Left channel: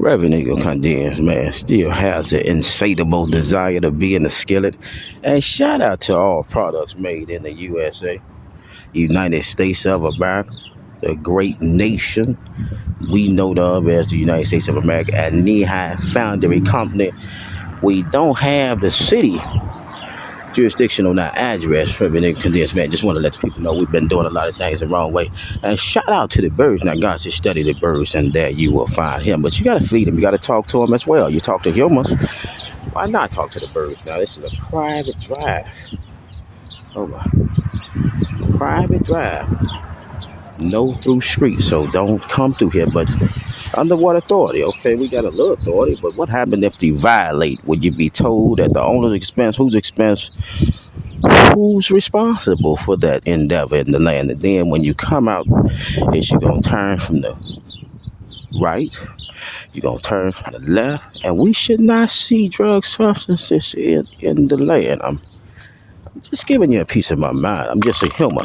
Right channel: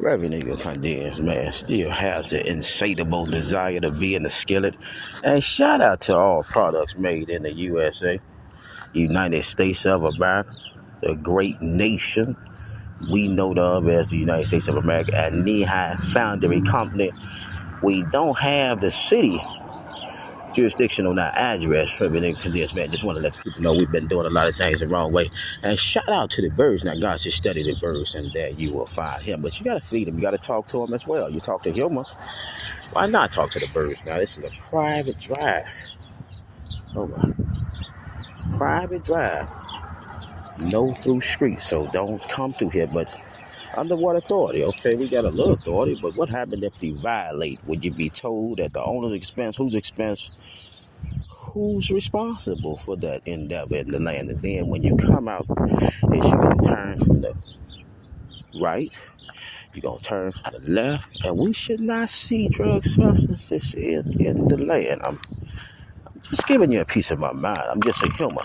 Reverend Eagle condemns, man, still has an insatiable desire to be in the skillet. And shout out to all products made in the USA, United States of America, the great nation we know of as the United States of America, and Lehigh Foundry Company. We don't have the city jurisdiction on our address. Reverend Eagle condemns, man. Just want to let the people know we've been doing a lot of things the wrong way. And shout out to the birds. Now, God says, study the birds, and there you will find him. But you got to feed them. You got to talk to them as well. You talk to humans. Why not talk to the birds? Now, this is a private drive. Hold on. Private drive. No through street, so don't come through here. But under what authority? Okay, we got a little authority, but what happened if they violate? Would you be told at the owner's expense? Whose expense? Who's responsible for that endeavor in the land? And then when you come out, is you gonna turn from the right? You're gonna turn from the left, and we should not see drug substances in the land. I'm just giving you a piece of my mind. I'm just a human.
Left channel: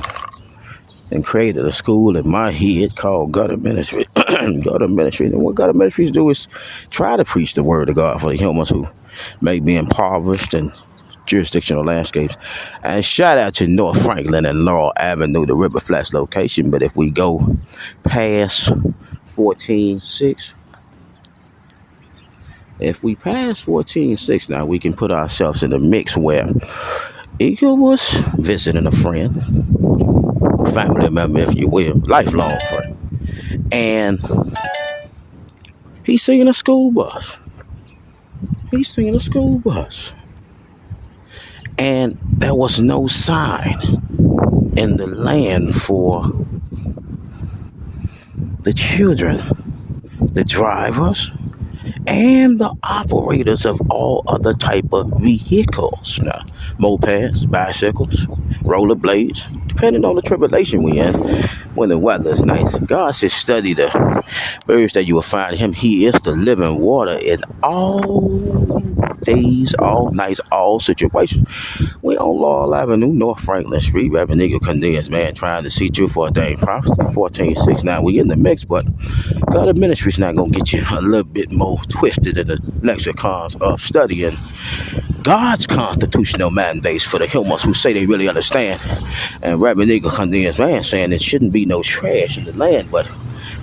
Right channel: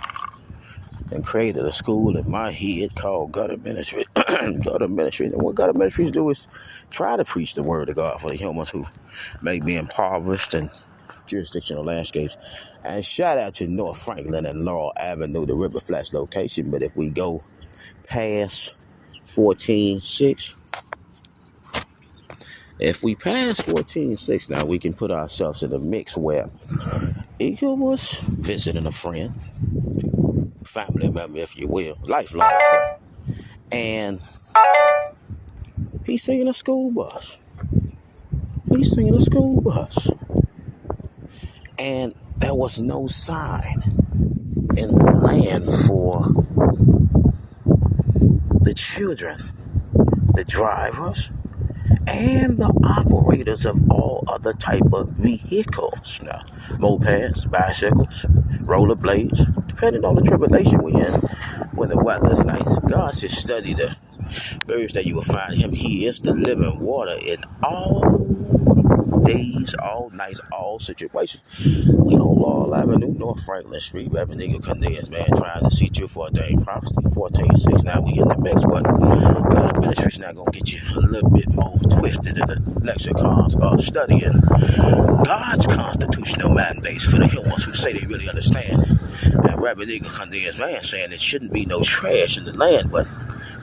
And created a school in my head called Gutter Ministry. Gutter Ministry. And what Gutter Ministries do is try to preach the word of God for the humans who may be impoverished in jurisdictional landscapes. And shout out to North Franklin and Laurel Avenue, the River Flats location. But if we go past 14-6, now we can put ourselves in a mix where Eagle was visiting a friend, family member, if you will, lifelong friend, and he's seeing a school bus. And there was no sign in the land for the children, the drivers, and the operators of all other type of vehicles. Now, mopeds, bicycles, rollerblades, depending on the tribulation we in, when the weather is nice. God says, study the birds that you will find him. He is the living water in all days, all nights, all situations. We on Laurel Avenue, North Franklin Street. Reverend Eagle condemns, man, trying to see through for a dang prophecy. 14-6. Now we in the mix, but God ministry's not gonna get you a little bit more twisted in the lexicons of studying God's constitutional mandates for the humans who say they really understand. And Reverend Eagle condemns, man, saying there shouldn't be no trash in the land, but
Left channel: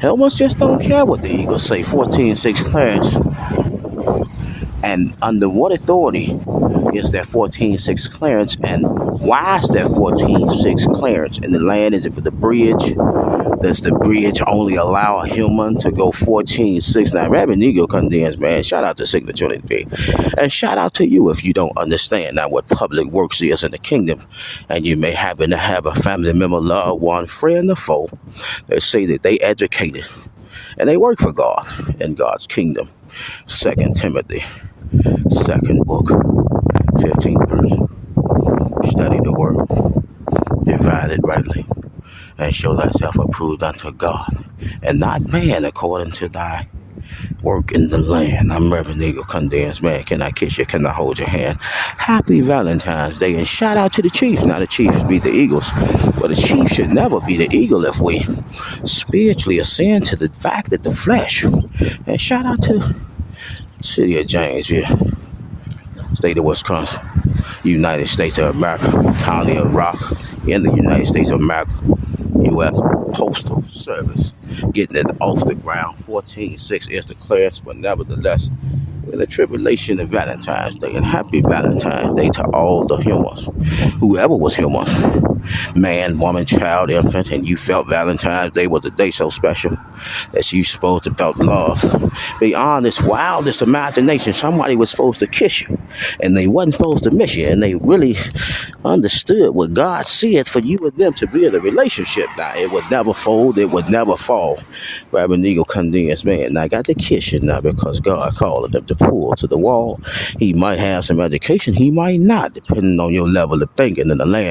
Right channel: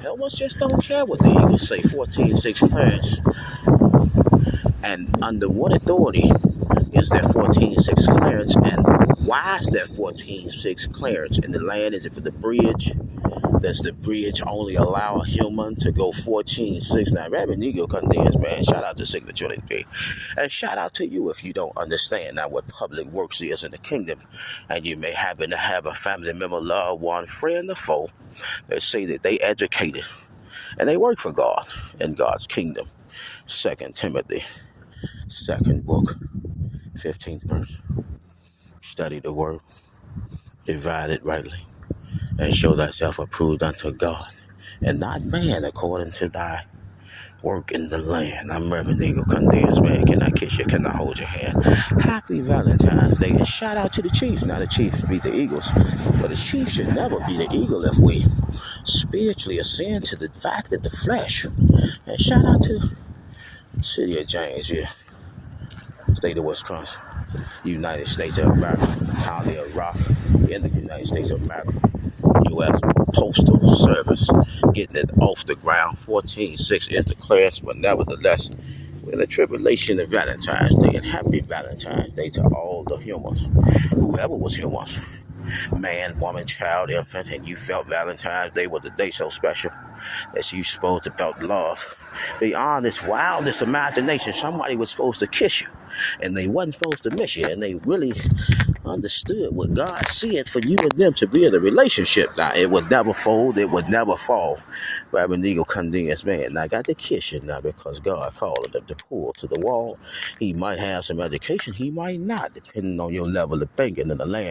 humans just don't care what the Eagles say. 14-6 clearance. And under what authority is that 14-6 clearance? And why is that 14-6 clearance in the land? Is it for the bridge? Does the bridge only allow a human to go 14-6? Now, Reverend Eagle condemns, man. Shout out to Signature Unity. And shout out to you if you don't understand now what public works is in the kingdom. And you may happen to have a family member, loved one, friend, or foe. They say that they educated and they work for God in God's kingdom. 2 Timothy, 2nd book, 15th verse. Study the word, divide it rightly, and show thyself approved unto God, and not man, according to thy work in the land. I'm Reverend Eagle condemns, man. Can I kiss you? Can I hold your hand? Happy Valentine's Day, and shout out to the Chiefs. Now the Chiefs beat the Eagles, but the Chiefs should never be the Eagle if we spiritually ascend to the fact that the flesh. And shout out to the city of Janesville, state of Wisconsin, United States of America, county of Rock, in the United States of America, U.S. Postal Service, getting it off the ground. 14-6 is the clearance, but nevertheless, in the tribulation of Valentine's Day, and happy Valentine's Day to all the humans, whoever was humans, man, woman, child, infant, and you felt Valentine's Day was a day so special that you supposed to felt love beyond this wildest imagination. Somebody was supposed to kiss you, and they wasn't supposed to miss you, and they really understood what God said for you and them to be in a relationship. Now, it would never fold, it would never fall. Reverend Eagle condemns, man, I got to kiss you now because God called them to pull to the wall. He might have some education, he might not, depending on your level of thinking in the land.